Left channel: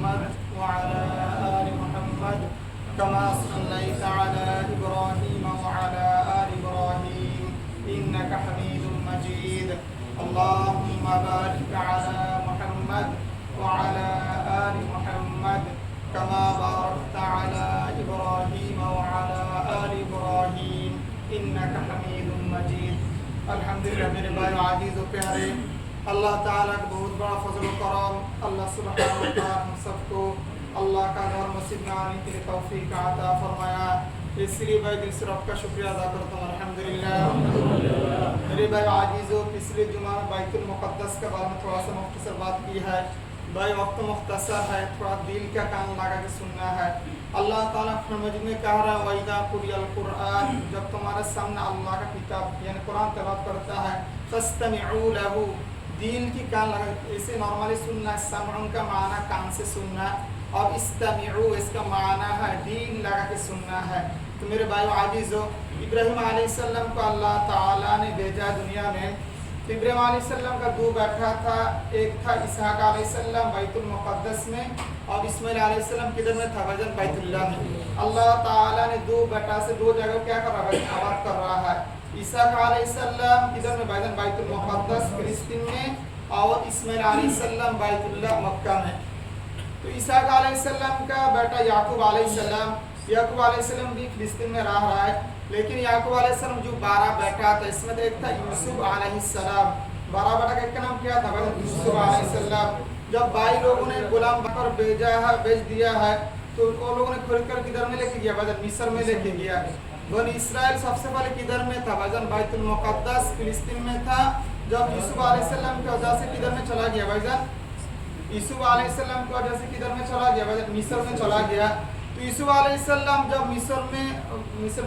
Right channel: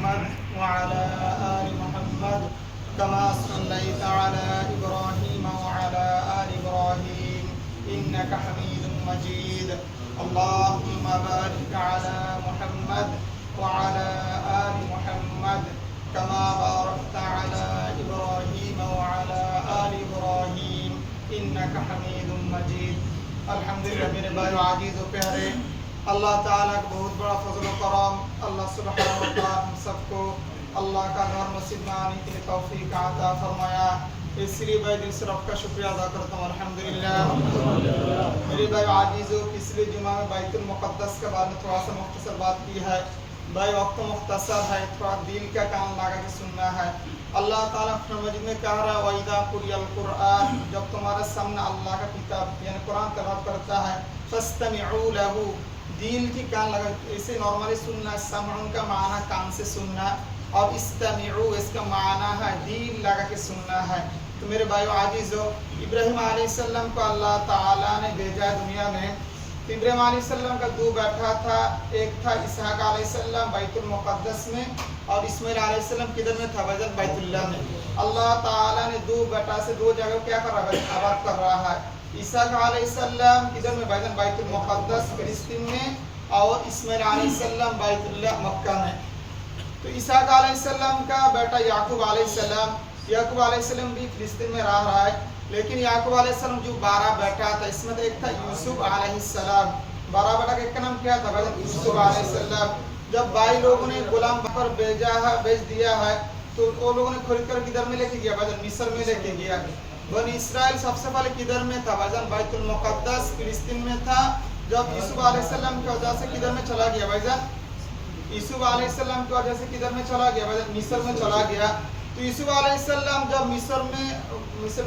محمد وعلى آل محمد كما صليت على إبراهيم وعلى آل إبراهيم إنك حميد مجيد اللهم بارك على محمد وعلى آل محمد كما باركت على إبراهيم وعلى آل إبراهيم إنك حميد مجيد الحمدللہ میرے بھائی عزیز و پیارے، اللہ تعالیٰ کا بہت بڑا فضل و کرم، اللہ سبحانہ و تعالیٰ ہم سب کو اللہ کا گھر مسجد میں آنے کے لیے توفیق عطا فرمایا، اس لیے میں دل سے رب کا شکریہ ادا کرتا ہوں الحمدللہ۔ میرے بھائی عزیزو، پچھلے جمعہ میں بیت المقدس کے بارے میں تھوڑا سا مختصر بات کی ہے۔ بھائی وقت مختصر ہے، تھوڑا دل کا کان لگا کے سننا ہے۔ اللہ تعالیٰ اپنے مجید میں کہہ رہا ہے وَإِذَا قُرِئَ الْقُرْآنُ، جب تمہارے سامنے اللہ کا کتاب یعنی قرآن تلاوت کرتا ہے فَاسْتَمِعُوا لَهُ، دل کی کان لگا، اسے نارملی سننا ہے، سمعن کا معنی کان سے سننا، اور استمعوا اس کا معنی ہے دل لگا کے سننا ہے۔ تو میرے بھائیو عزیزو، ابراہیم علیہ السلام کو اللہ تعالیٰ نے بھیجا دنیا میں، تو ابراہیم علیہ السلام کا دو بیٹا تھا، ایک تھا اسحاق علیہ السلام بیت المقدس میں، اور اسماعیل علیہ السلام کدھر میں تھا بھائی بیت اللہ میں۔ اللہ تعالیٰ نے دو بیٹا سے دو جگہ کیا کر رہا ہے، آباد کر رہا ہے۔ اسحاق علیہ السلام کدھر میں بھائی بیت المقدس فلسطین میں، اور اسماعیل علیہ السلام بیت اللہ مکہ میں۔ تو اسحاق علیہ السلام کا بیٹا یعقوب علیہ السلام، یعقوب علیہ السلام بھی فلسطین میں رہا ہے، لیکن یعقوب علیہ السلام جو 12 بیٹا تھا، اس میں ایک تھا یوسف علیہ السلام۔ 12 بیٹا کا ایک کا نام کیا تھا بھائی؟ یوسف علیہ السلام۔ جب بھائی لوگوں نے غلام پر بیچ دیا ہے، تو وہ لوگوں نے خرید کر کدھر میں لے کے گیا بھائی؟ مصر میں لے کے گیا۔ بنی اسرائیل سب سے پہلے کدھر میں تھا بھائی؟ بیت المقدس فلسطین میں تھا۔ جب یوسف علیہ السلام کی وجہ سے کدھر میں چلا گیا بھائی؟ یوسف علیہ السلام کی وجہ سے کدھر میں چلا گیا بھائی؟ مصر میں چلا گیا۔ تو یوسف علیہ السلام جب مصر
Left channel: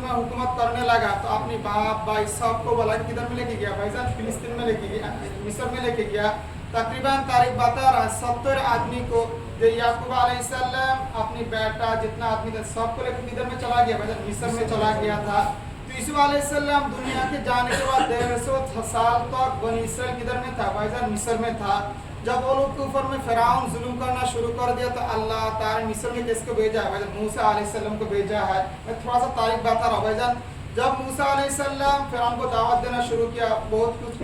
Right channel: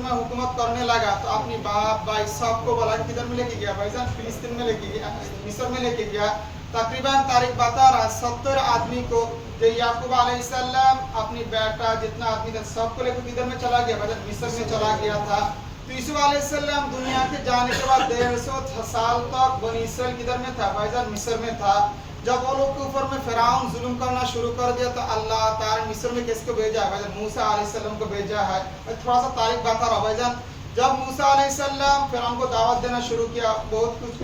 میں حکومت کرنے لگا، تو اپنی باپ بھائی سب کو بلا کدھر میں لے کے گیا بھائی؟ فلسطین میں لے کے گیا، مصر میں لے کے گیا۔ تقریباً تاریخ بتا رہا ہے 70 آدمی کو، جو یعقوب علیہ السلام اپنی بیٹا جتنا آدمی تھا سب کو لے کے کدھر میں چلا گیا بھائی؟ مصر میں چلا گیا تھا۔ تو یوسف علیہ السلام دنیا کے جانے کے بعد 150 سال تک بنی اسرائیل کدھر میں تھا بھائی؟ مصر میں تھا۔ جب وہ لوگ کے اوپر میں فرعون ظلم کرنا شروع کر دیا، تو اللہ تعالیٰ مصر میں کس کو بھیجا ہے بھائی؟ موسیٰ علیہ السلام کو بھیجا ہے۔ میں تھوڑا سا تاریخ بتا رہا ہوں بھائی جان۔ جب موسیٰ علیہ السلام فرعون کو دعوت دینا شروع کیا، بہت کچھ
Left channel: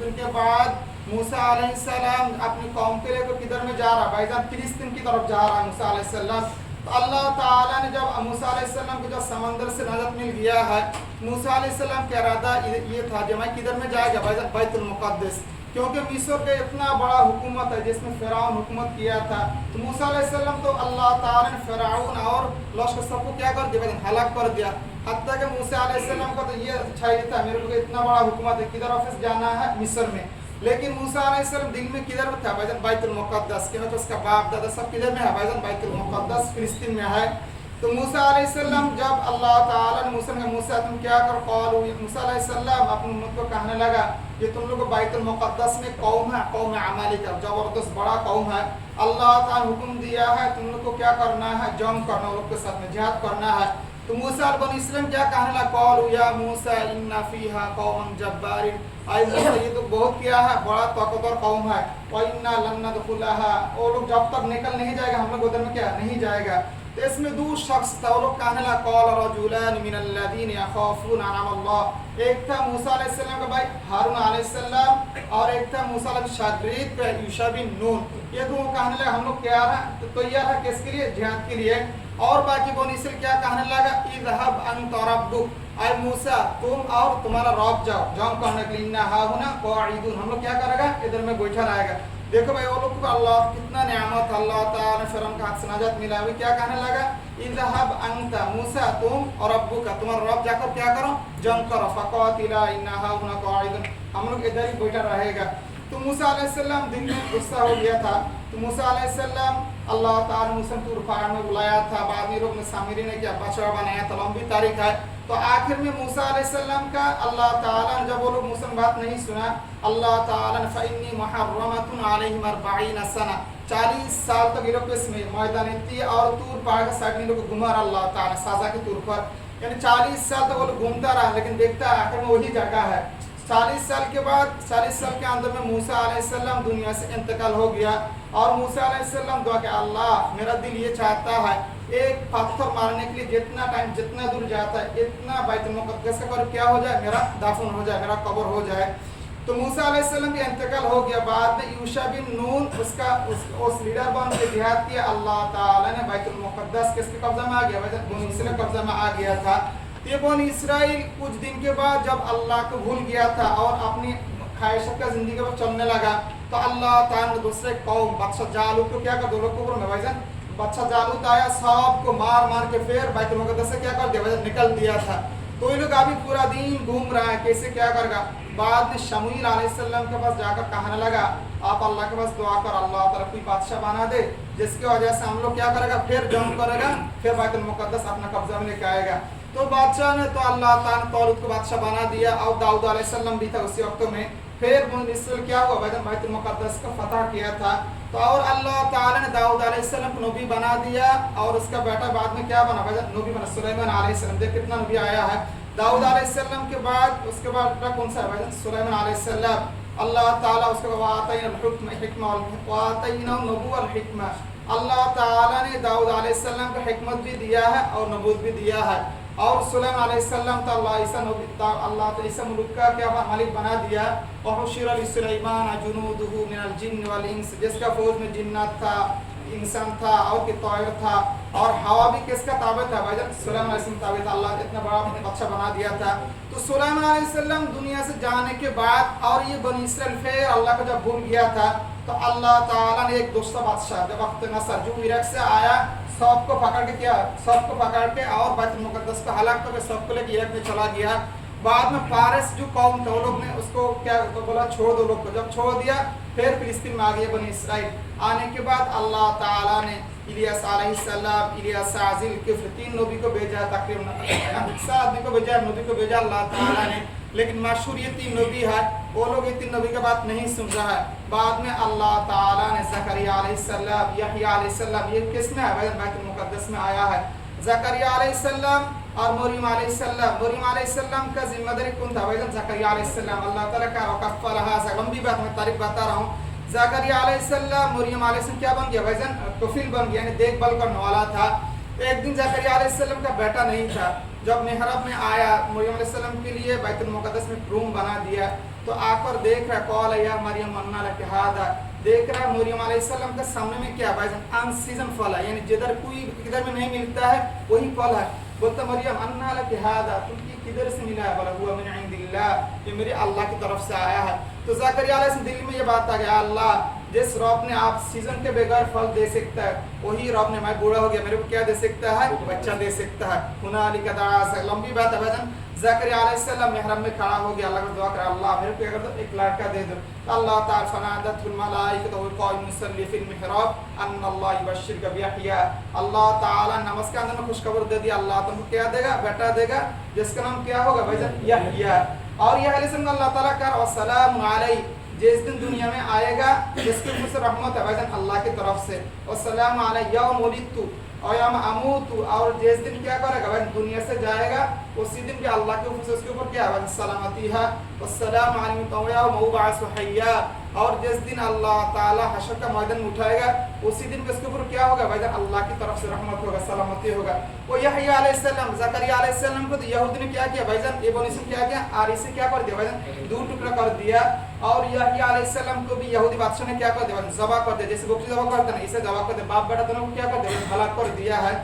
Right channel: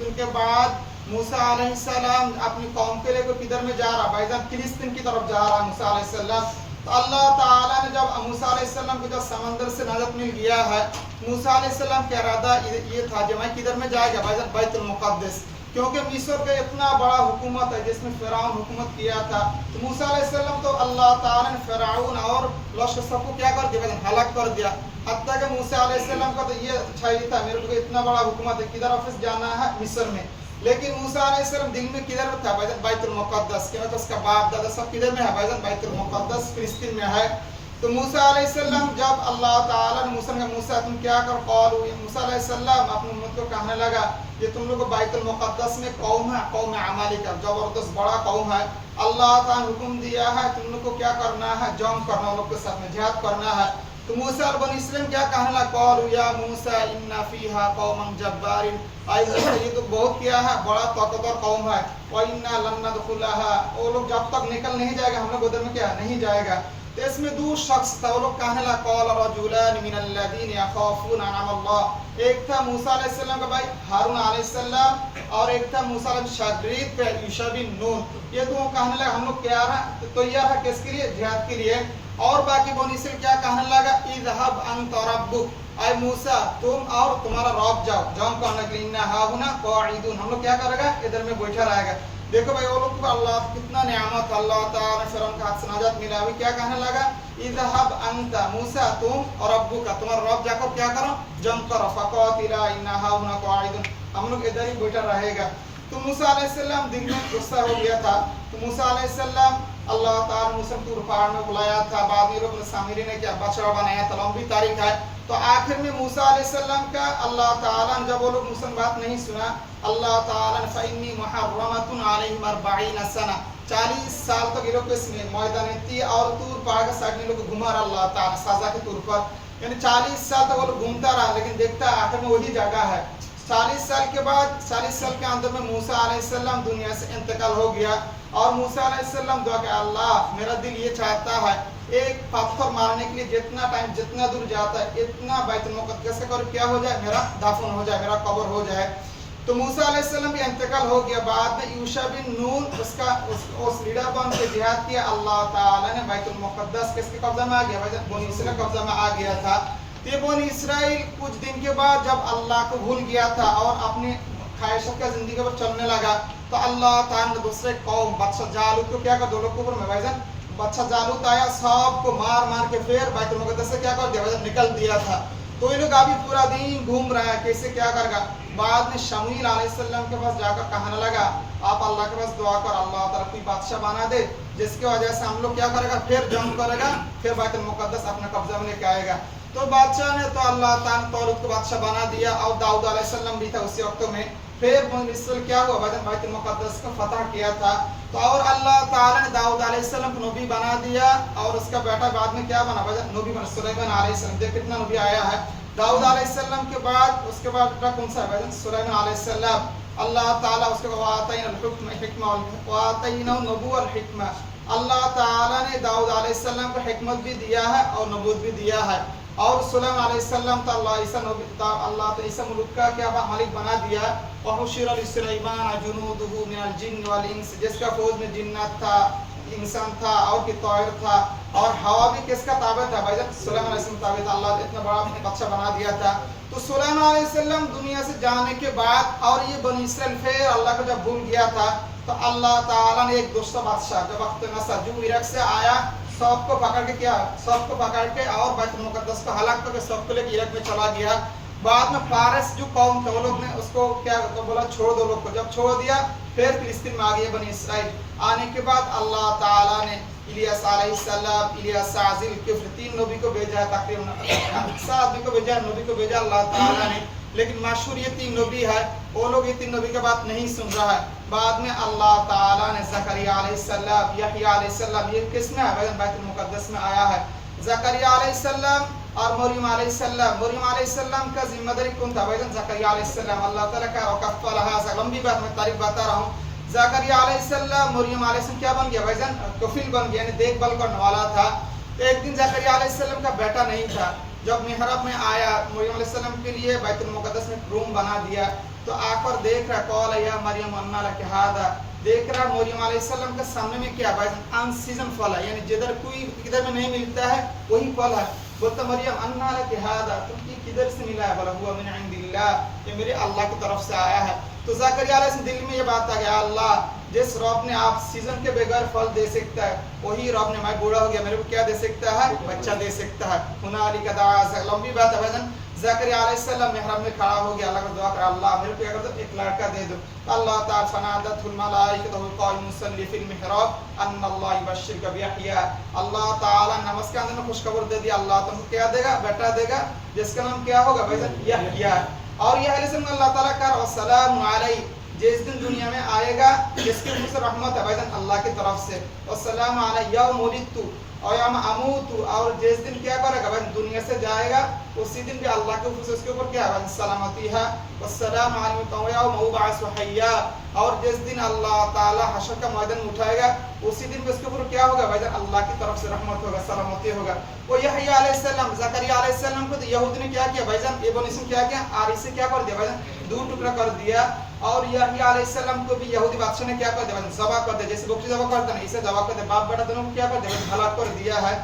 دن کے بعد موسیٰ علیہ السلام اپنی قوم کے لے کر کدھر میں جا رہا بھائی جان؟ فلسطین کی طرف جا رہا موسیٰ علیہ السلام۔ تو اللہ تعالیٰ نے جب موسیٰ علیہ السلام کو جب سمندر سے نجات مل گیا ہے، موسیٰ علیہ السلام کا ارادہ یہ تھا کہ میں کدھر میں جائے گا بھائی جان؟ بیت المقدس، کیونکہ مصر کا اتنا بڑا حکومت ہے جس میں فرعون حکومت کیا تھا۔ تو موسیٰ علیہ السلام تو اللہ تعالیٰ نے فرعون اور لشکر سب کو کیا کر دیا بھائی؟ ہلاک کر دیا۔ حتیٰ کہ موسیٰ علیہ السلام کا تو یہ چاہیے تھا، میرے کو اتنا بڑا حکومت ہے، کدھر واپس جانا ہے؟ مصر میں۔ لیکن موسیٰ علیہ السلام دل میں کدھر میں تھا بھائی؟ بیت المقدس، کیونکہ اس کا باپ دادا سب کدھر میں ہے بھائی؟ بیت المقدس فلسطین میں ہے۔ تو موسیٰ علیہ السلام جب اللہ تعالیٰ نے موسیٰ تم کیا کر قالوا، موسیٰ علیہ السلام اپنی امت کو کہنے لگا کہ تم لوگ بیت المقدس میں قوم ہے، قوم عمالقہ، زبردست بڑا قوم ہے، اللہ تعالیٰ نے حکم دیا ہے تم لوگ کو کیا کرنا ہے؟ جنگ کرنا، ان لوگ کے ساتھ میں جہاد کرنا ہے۔ تو موسیٰ بنی اسرائیل کیا کہنے لگا؟ قالوا یا موسیٰ ان فیہا قوما جبارین، اے موسیٰ یہ تو بہت کیا ہے، بڑا طاقتور قوم ہے، وَإِنَّا لَن نَدْخُلَهَا، وہ لوگ جب تک نکل نہیں جائے گا ہم لوگ ادھر میں کیا نہیں جائے گا۔ تو اس میں دو شخص تھا، وہ لوگ کہنے لگا قال رجلان من الذین یخافون انعام اللہ، ایک تھا موسیٰ علیہ السلام کا بھائی ہارون علیہ السلام، اور ایک تھا موسیٰ علیہ شاگرد پہ یوشع بن نون۔ یہ دونوں کہنے لگا ہم لوگ کیا رہا تیار ہے کس کے لیے؟ جہاد کے لیے۔ اور باقی بنی اسرائیل کیا کہنے لگا؟ اذهب انت ربک، اے موسیٰ تم اور تمہارا رب جاؤ جنگ کرنے کے لیے، انا ہاہنا قاعدون، ہم لوگ کیا کرے گا؟ ادھر میں بیٹھا رہے گا۔ دیکھو بھائی وہ لوگ کو اللہ کتنا نعمت، اللہ تعالیٰ نے فرعون کے ہاتھ سے نجات ملا ہوئی، کیا کہنے لگا؟ اذهب انت موسیٰ تم اور ربک، تمہارا رب جا کر کیا کرو؟ جنگ کرو، فقاتلا انا ہاہنا قاعدون، ہم لوگ ادھر ہی بیٹھا رہے گا۔ تو موسیٰ علیہ السلام دل میں غصہ ہو گیا تھا۔ تو موسیٰ علیہ السلام اللہ تعالیٰ نے موسیٰ طور پہاڑ میں بلایا تھا، بعد میں رکن سامری نے کیا بچڑا بنایا تھا، لمبی تاریخ ہے۔ تو آخر میں موسیٰ علیہ السلام کا اللہ تعالیٰ نے جب وہ لوگ موسیٰ بات نہیں سنا، اللہ تعالیٰ نے فَإِنِّي مُحَرَّمَةٌ عَلَيْهِمْ 40 سنة، 40 سال تک یہ لوگ اس میں میدان طی اور طور پہاڑ کے سائڈ میں لوگ گھما رہا اللہ تعالیٰ سزا کے طور پر، یعنی 40 سال تک وہ لوگ گھومتا رہا، لیکن دیکھتا ہے آخر میں وہی جگہ ہے۔ 40 سال کے بعد 40 سال کے اندر میں موسیٰ علیہ السلام دنیا سے انتقال ہو گیا۔ اور موسیٰ علیہ السلام دعا کہ اللہ میرا دل یہ چاہتا ہے ایک پتھر مارنے کے لیے جتنا ٹائم جتنا دور جاتا ہے اتنا بیت المقدس کا کیا ہو جائے، میرا دفن ہو جائے، میرا قبر ہو جائے۔ تو موسیٰ علیہ السلام بھی انتقال ہو گیا، بعد میں یوشع بن نون اس لیڈر بن کے جہاد کیا، اللہ تعالیٰ نے بیت المقدس کس کے قبضہ میں آ گیا، بنی اسرائیل قبضہ میں آ گیا تھا۔ یہ بنی اسرائیل کچھ دن کے بعد جب اللہ کو بھول گیا تھا اور اپنی خواہشات کا زندگی پر چلنے لگا، تو اللہ تعالیٰ نے دوسرے قوم بادشاہ جالوت کو کیا کر دو لوگ کو میں بھائی جان بادشاہ جالوت آیا، سب کو مار مار کے پھر بیت المقدس سے کیا کر دیا، نکل دیا تھا۔ تو یہ لوگ ابھی پورا دن گھوم رہا ہے کیسے کیا کرے گا۔ بعد میں شموئیل علیہ السلام کے پاس جا کر کہنے لگا آپ اللہ کے پاس دعا کر اللہ تعالیٰ کوئی بادشاہ بنا دے جس کی وجہ سے ہم لوگ کیا کرے گا، پھر جنگ کرے گا، پھر بیت المقدس اپنا قبضہ میں لے کے آئے گا۔ تو بادشاہ نے تو اللہ تعالیٰ نے طالوت کو بادشاہ بنا دیا، اور داؤد علیہ السلام بھی تھا اسی وقت میں۔ پھر بنی اسرائیل کیا ہوا، بیت المقدس کو فتح کیا تھا۔ تو اور اللہ تعالیٰ نے داؤد علیہ السلام کو نبی بنا دیا، اور اس کا بیٹا بعد میں کیا بنا، نبی بنا سلیمان علیہ السلام۔ دیکھ کتنا نبی آیا ہے داؤد علیہ السلام کے بعد، اس کے بعد کون سا ہے، سلیمان علیہ السلام۔ اللہ تعالیٰ اس کو وَآتَيْنَا الْحِكْمَةَ وَآتَيْنَا النُّبُوَّةَ الْحِكْمَةَ، اللہ تعالیٰ نے داؤد علیہ السلام کو حکمت بھی دیا ہے اور نبوت بھی دیا ہے۔ اور سلیمان علیہ السلام تو اللہ تو عیسیٰ ملک کا کیا مالک بنا دیا۔ وَحُشِرَ لِسُلَيْمَانَ جُنُودُهُ مِنَ الْجِنِّ وَالْإِنسِ، جس کا فوج میں جنات تھا، انسان تھا اور کہ طائر تھا، اور ہوا بھی کس کا تابع تھا، بھائی جان سلیمان علیہ السلام تابع تھا۔ اللہ نے اتنا بڑا بادشاہ بنا دیا تھا۔ تو سلیمان علیہ السلام دنیا سے جانے کے بعد، اور یہ بنی اسرائیل پھر اللہ کو جب بھول گیا تھا، تو اللہ تعالیٰ نے ایک دوسرا بادشاہ جو وقت نصر جو عراق سے آیا، سب کو پکڑ کے کیا، سب کو پکڑ کے اور بیت المقدس کو ہلاک کر کے سب کو لے کے عراق میں چلا گیا۔ بعد میں فارس جو قوم تھے وہ لوگ نے اس کو کیا بولا، چھوڑ دو لوگ کو، جب چھوڑ دیا پھر فلسطین میں آ گئے بنی اسرائیل۔ آنے کے بعد اللہ تعالیٰ نے الیاس علیہ السلام، الیاس ذی الکفل، 3 نبی کو بھیجا، تقریباً 7 آدمی کو بھیجا، نبی کو بھیجا اللہ تعالیٰ نے، لیکن مشہور یہ 3 نبی ہے، وہ لوگ یہ 3 نبی کے بات نہیں سن رہا ہے۔ بعد میں اللہ تعالیٰ نے زکریا علیہ السلام، یحییٰ علیہ السلام، یہ کس میں ہے، بیت المقدس میں آیا ہے۔ زکریا علیہ السلام اور مریم علیہ السلام، مریم علیہ السلام کا ذمہ داری کون تھا، بھائی زکریا علیہ السلام، اللہ تعالیٰ کا وکفلھا، لمبی بات میں تاریخ بتا رہا ہوں۔ زکریا علیہ السلام، مریم علیہ السلام کیا بن گیا، بھائی جان کفیل بن گیا، یعنی دیکھ بھال کرنے والا تھا۔ ایک دن زکریا علیہ السلام کا بیٹا نہیں تھا، جب محراب میں آیا مریم علیہ السلام کے لیے بیت المقدس میں روم بنا دیا، تو آ کر دیکھ رہا، قال یا مریم انا لک ھذا، دیکھ رہا مریم علیہ السلام کے سامنے میں کیا، بھائی جان ان سیزن پھل ہے، یعنی جدھر کوئی کدھر میں نہیں ملتا ہے وہی پھل ہے۔ بولتا مریم انا لک ھذا، تم یہ کدھر سے ملا ہے، بولا ہوا من عند اللہ، یہ میرے اللہ کی طرف سے آیا ہے۔ تو زکریا علیہ السلام دل میں یہ بات آ گیا، اللہ جس رب نے آپ سیزن کے بغیر پھل دے سکتا ہے، وہی رب نے، میں بوڑھا ہو گیا، میرے کو کیا دے سکتا ہے، بچہ دے سکتا ہے۔ ہنالک دعا، لمبی بات ہے بھائی جان۔ زکریا علیہ السلام محراب میں کھڑا ہو گیا، اللہ کو دعا کرا، اللہ میرے کو کیا کر دو، ایک لڑکا دے دو۔ اللہ تعالیٰ فنادته الملائکۃ قائما یصلی فی المحراب ان اللہ یبشرک بیحییٰ، اللہ تعالیٰ نماز کے اندر میں خوشخبر دے دیا، اللہ تم کو کیا دے گا، بیٹا دے گا، جس کا نام کیا ہوگا، بھائی جان یحییٰ۔ اور یہ علیہ السلام اللہ تعالیٰ کا والسلام علیہ، جس دن دنیا میں آئے گا جس کے اوپر سے رحمت ہے، بھائی جان اللہ کی طرف سے، والسلام علی یوم ولدت اور یوم اموت، اور جس دن کیا کرے گا، بھائی دنیا سے جائے گا اسی دن بھی اللہ کے اوپر سے اس کے اوپر کیا ہے، سلامتی ہے۔ والسلام علی یوم ابعث حیا، اور جس دن اللہ تعالیٰ حشر کا میدان اٹھائے گا اسی دن بھی اس کے اوپر کیا ہوگا، بھائی جان اللہ کی طرف سے رحمت ہوگا، سلامتی ہوگا۔ وہ یحییٰ علیہ السلام، زکریا علیہ السلام کو تو یہود نے کیا کیا، بھائی جان ابن اسم کیا کیا، آری سے کیا کر دیا، بھائی جان 2 ٹکڑا کر دیا۔ اور یحییٰ علیہ السلام کو بھی یہودی بادشاہ نے کیا کر دیا، ذبح کر دیا، جیسے بکری ذبح کرتے ہیں اسے ذبح کر دیا، باپ بیٹا دونوں کو کیا کر دیا، ہلاک کر دیا ہے۔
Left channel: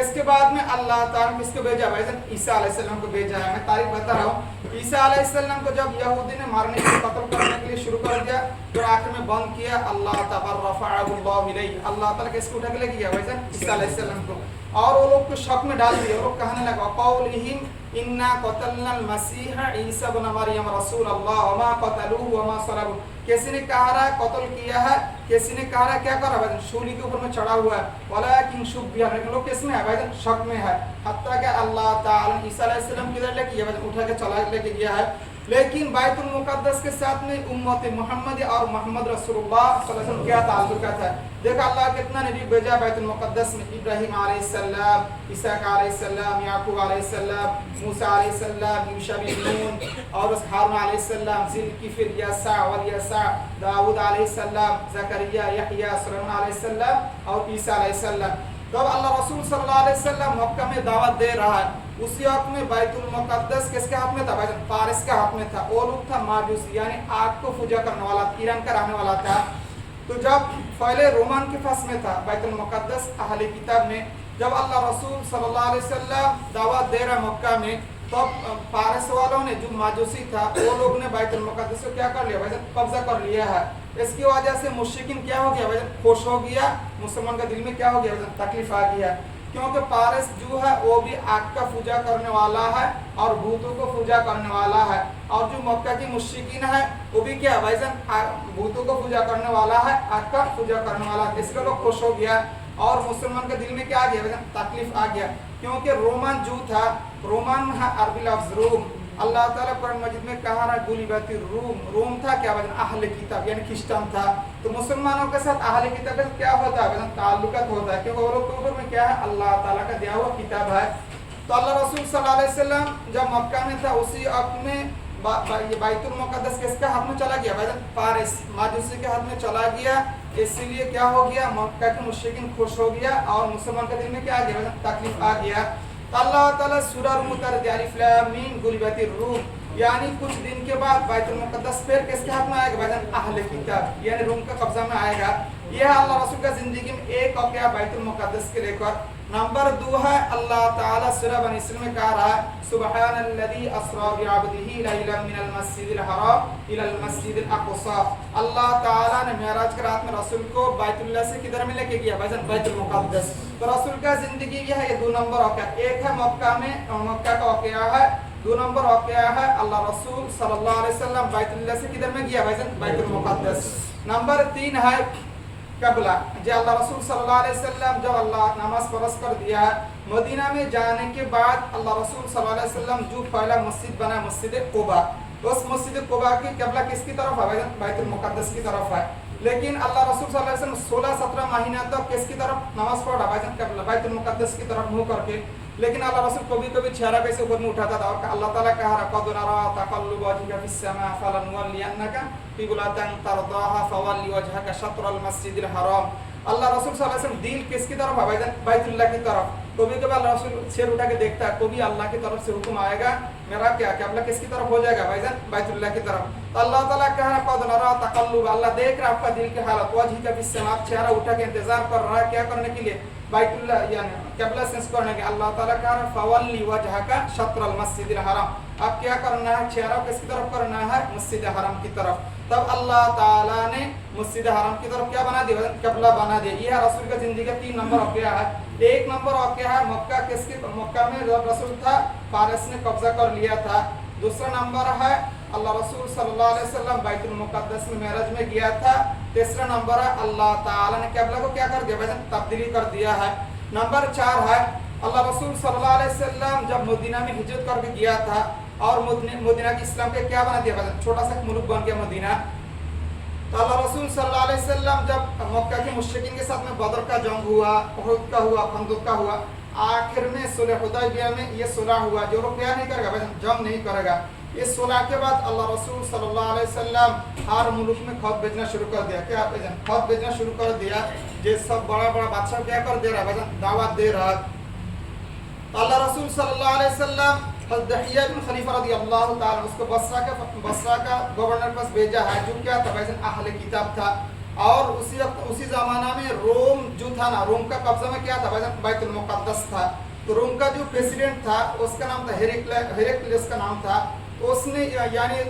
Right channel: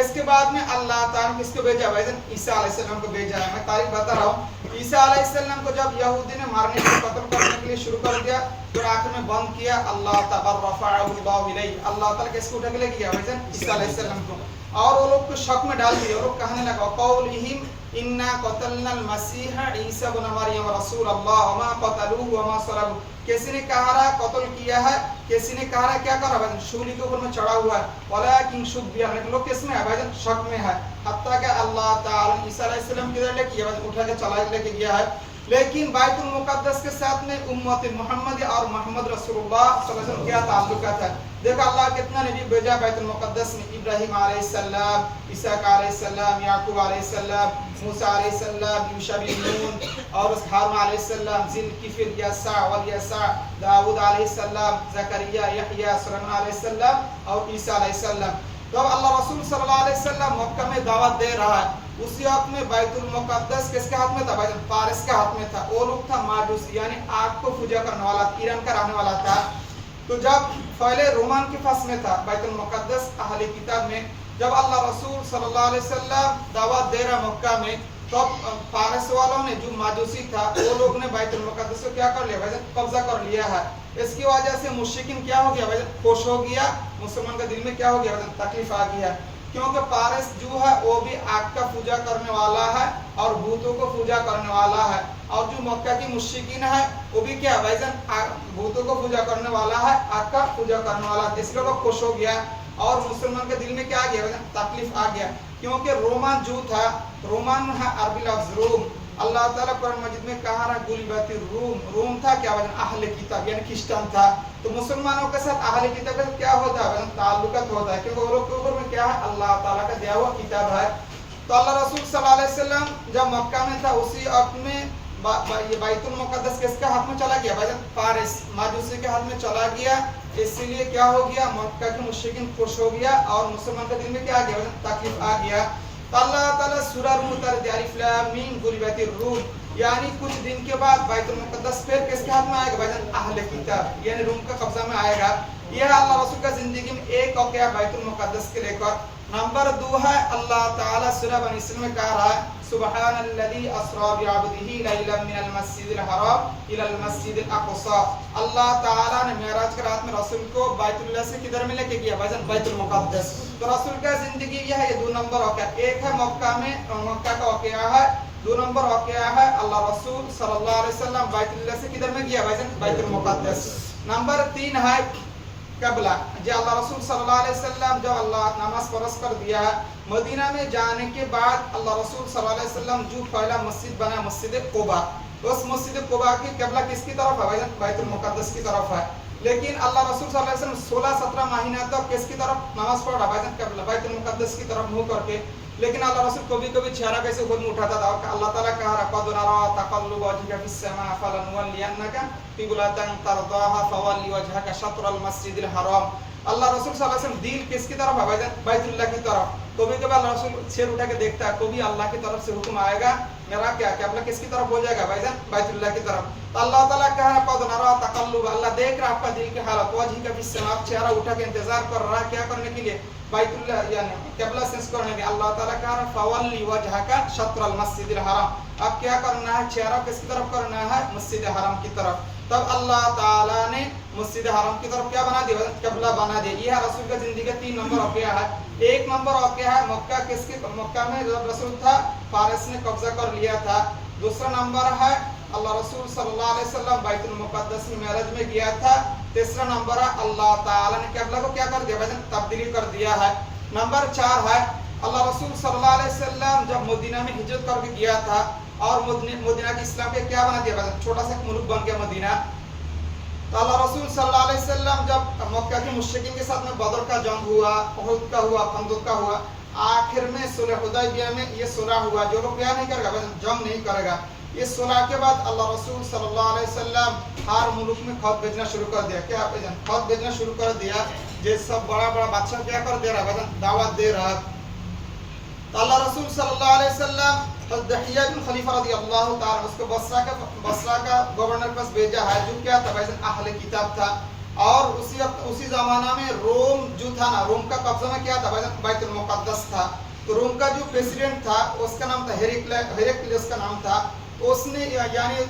اس کے بعد میں اللہ تعالیٰ نے کس کو بھیجا، بھائی جان عیسیٰ علیہ السلام کو بھیجا ہے۔ میں تاریخ بتا رہا ہوں، عیسیٰ علیہ السلام کو جب یہودی نے مارنے کے لیے، قتل کرنے کے لیے شروع کر دیا، تو آخر میں بند کیا، اللہ تعالیٰ رفعہ اللہ الیہ، اللہ تعالیٰ کس کو اٹھا کے لے گیا، بھائی جان عیسیٰ علیہ السلام کو، اور وہ لوگ کو شک میں ڈال دیا، وہ لوگ کہنے لگا قولہم انا قتلنا المسیح عیسی ابن مریم رسول اللہ وما قتلوه وما صلبوه، کسی نے کہا رہا ہے قتل کیا ہے، کسی نے کہا رہا ہے کیا کر رہا ہے، شولی کے اوپر میں چڑھا ہوا ہے، ولکن شبیہ، لیکن لوگ کس میں ہے، بھائی شک میں ہے، حتیٰ کہ اللہ تعالیٰ عیسیٰ علیہ السلام کدھر لے کے گیا، اٹھا کے چلا لے کے گیا ہے۔ لیکن بیت المقدس کے ساتھ میں امت محمد اور محمد رسول اللہ صلی اللہ علیہ وسلم کیا تعلقات ہے. دیکھا اللہ کتنا نبی بھیجا بیت المقدس میں. ابراہیم علیہ السلام، اسحاق علیہ السلام، یعقوب علیہ السلام، موسیٰ علیہ السلام، یوشع بن نون، اور ہارون علیہ السلام، ذی الکفل، یسع والیسع، داؤد علیہ السلام، زکریا، یحییٰ، سلیمان علیہ السلام اور عیسیٰ علیہ السلام. تو اب اللہ رسول صلی اللہ علیہ وسلم مکہ میں دعوت دے رہا ہے. اسی وقت میں بیت المقدس کس کے ہاتھ میں تھا؟ فارس کے ہاتھ میں تھا. وہ لوگ تھا ماجوسی، یعنی آگ کو پوجا کرنے والا، ایران کا رہنے والا تھا. تو جب پہلے رومان کے پاس میں تھا بیت المقدس اہل کتاب میں، جب اللہ رسول صلی اللہ علیہ وسلم دعوت دے رہا مکہ میں، تب فارس والوں نے جو ماجوسی تھا وہ لوگ نے بیت المقدس کو کیا کر لیا؟ قبضہ کر لیا ہے. اس کی وجہ سے مشرکین کیا ہو گیا؟ خوش ہو گیا. مسلمان کا دل میں کیا ہو گیا؟ تکلیف آ گیا. کیونکہ فارس جو ہے وہ بھی آگ کا پوجا کرنے والا ہے اور بھوتوں کو پوجا کرنے والا ہے. اور جو مکہ کی مشرکین ہے وہ بھی کیا بھوتوں کو پوجا کرنے والا ہے، آگ کا پوجا کرنے والا ہے. اس لیے لوگ خوش ہو گیا اور مسلمان کے دل میں کیا آ گیا؟ تکلیف آ گیا. کیونکہ رومان جو تھا، رومان ہے عربی لفظ روم. اللہ تعالیٰ قرآن مجید میں کہا رہا غلبت الروم. روم تھا کیا؟ اہل کتاب یعنی کرسچن تھا. تو مسلمانوں کے ساتھ اہل کتاب کا کیا ہوتا ہے؟ تعلقات ہوتا ہے، کیونکہ وہ لوگ کے اوپر میں کیا ہے؟ اللہ تعالیٰ کا دیا ہوا کتاب ہے. تو اللہ رسول صلی اللہ علیہ وسلم جب مکہ میں تھا اسی وقت میں بیت المقدس کس کے ہاتھ میں چلا گیا؟ فارس ماجوسی کے ہاتھ میں چلا گیا. اس لیے کیا ہو گیا؟ مکہ کے مشرکین خوش ہو گیا اور مسلمان کے دل میں کیا آ گیا؟ تکلیف آ گیا. تو اللہ تعالیٰ سورہ روم اتار دیا، الف لام میم غلبت الروم، یعنی کچھ دن کے بعد بیت المقدس پھر کس کے ہاتھ میں آئے گا؟ اہل کتاب یعنی روم کا قبضہ میں آئے گا. یہ ہے اللہ رسول کا زندگی میں ایک واقعہ بیت المقدس کے لے کر. نمبر 2 ہے اللہ تعالیٰ سورہ بنی اسرائیل میں کہا رہا ہے سبحان الذی اسریٰ بعبدہ لیلا من المسجد الحرام الی المسجد الاقصی. اللہ تعالیٰ نے معراج کی رات میں رسول کو بیت اللہ سے کدھر میں لے کے گیا؟ بیت المقدس. تو رسول کا زندگی یہ ہے. یہ 2 نمبر واقعہ. ایک ہے مکہ کا واقعہ ہے. 2 نمبر واقعہ ہے اللہ رسول صلی اللہ علیہ وسلم بیت اللہ سے کدھر میں گیا؟ بیت المقدس. نمبر 3 ہے قبلہ. جو اللہ رسول صلی اللہ علیہ وسلم جب اللہ نماز فرض کر دیا ہے، مدینہ میں جانے کے بعد اللہ رسول صلی اللہ علیہ وسلم جو پہلا مسجد بنا مسجد قباء، اس مسجد قباء کی قبلہ کس کی طرف ہے؟ بیت المقدس کی طرف ہے. لیکن اللہ رسول صلی اللہ علیہ وسلم 16-17 مہینہ تک کس کی طرف نماز پڑھ رہا؟ بیت المقدس کی طرف منہ کر کے. لیکن اللہ رسول کبھی کبھی چہرہ کیسے خود میں اٹھاتا تھا. اللہ تعالیٰ کہا رہا قد نری تقلب وجهك في السماء فلنولینک قبلة ترضاها فول وجهك شطر المسجد الحرام. اللہ رسول صلی اللہ علیہ وسلم دل کس کی طرف ہے؟ بیت اللہ کی طرف. کبھی کبھی اللہ رسول سر اٹھا کے دیکھتا ہے، کبھی اللہ کی طرف سے حکم آئے گا میرا کیا قبلہ کس کی طرف ہو جائے گا؟ بیت اللہ کی طرف. تو اللہ تعالیٰ کہا رہا قد نری تقلب، اللہ دیکھ رہا آپ کا دل کی حالت، وجهك في السماء، آپ چہرہ اٹھا کے انتظار کر رہا ہے کیا کرنے کے لیے؟ بیت اللہ یعنی قبلہ سینس کرنے کے. اللہ تعالیٰ کہا رہا فولی وجهك شطر المسجد الحرام، اب کیا کرنا ہے؟ چہرہ کس کی طرف کرنا ہے؟ مسجد حرام کی طرف. تب اللہ تعالیٰ نے مسجد حرام کی طرف کیا بنا دیا؟ قبلہ بنا دیا. یہ رسول کا زندگی کا 3 نمبر واقعہ ہے. 1 نمبر واقعہ ہے مکہ میں جب رسول تھا فارس نے قبضہ کر لیا تھا. دوسرا نمبر ہے اللہ رسول صلی اللہ علیہ وسلم بیت المقدس میں معراج میں گیا تھا. تیسرا نمبر ہے اللہ تعالیٰ نے قبلہ کو کیا کر دیا؟ تبدیلی کر دیا ہے. نمبر 4 ہے اللہ رسول صلی اللہ علیہ وسلم جب مدینہ میں ہجرت کر کے گیا تھا اور مدینہ کی اسلام کے کیا بنا دیا؟ چھوٹا سا ملک بن گیا مدینہ. تو اللہ رسول صلی اللہ علیہ وسلم جب مکہ کے مشرکین کے ساتھ میں بدر کا جنگ ہوا، احد کا ہوا، خندق کا ہوا، آخر میں صلح حدیبیہ میں یہ صلح ہوا جو لوگ کیا نہیں کرے گا؟ جنگ نہیں کرے گا. اس صلح کے بعد اللہ رسول صلی اللہ علیہ وسلم ہر ملک میں خط بھیجنا شروع کر دیا. کیا خط بھیجنا شروع کر دیا؟ یہ سب بڑا بڑا بادشاہ کیا کر دے رہا ہے؟ دعوت دے رہا. اللہ رسول صلی اللہ علیہ وسلم حضرت دحیہ بن خلیفہ رضی اللہ تعالیٰ اس کو بصرہ کا گورنر پاس بھیجا ہے جو کیا تھا؟ اہل کتاب تھا. اور اسی زمانہ میں روم جو تھا نا، روم کا قبضہ میں کیا تھا؟ بیت المقدس تھا. تو روم کا جو پریسیڈنٹ تھا اس کا نام تھا ہیرکلیس کا نام تھا. اس نے یعنی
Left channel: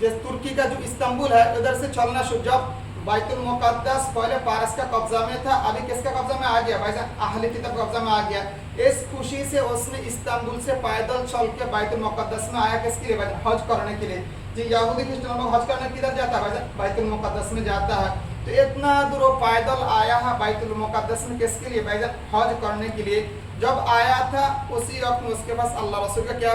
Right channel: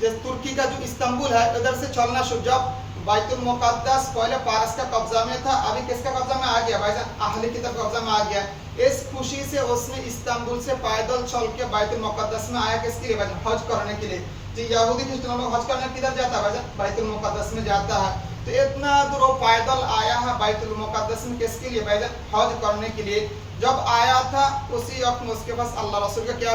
ترکی کا جو استنبول ہے ادھر سے چلنا شروع. جب بیت المقدس پہلے فارس کا قبضہ میں تھا، ابھی کس کا قبضہ میں آ گیا؟ اہل کتاب قبضہ میں آ گیا. اس خوشی سے اس نے استنبول سے پیدل چل کے بیت المقدس میں آیا. کس کے لیے؟ حج کرنے کے لیے. جی یہودی کرسچن لوگ حج کرنے کدھر جاتا ہے؟ بیت المقدس میں جاتا ہے. تو اتنا دور وہ پیدل آیا ہے بیت المقدس میں کس کے لیے؟ حج کرنے کے لیے. جب آیا تھا اسی وقت میں اس کے پاس اللہ رسول کا کیا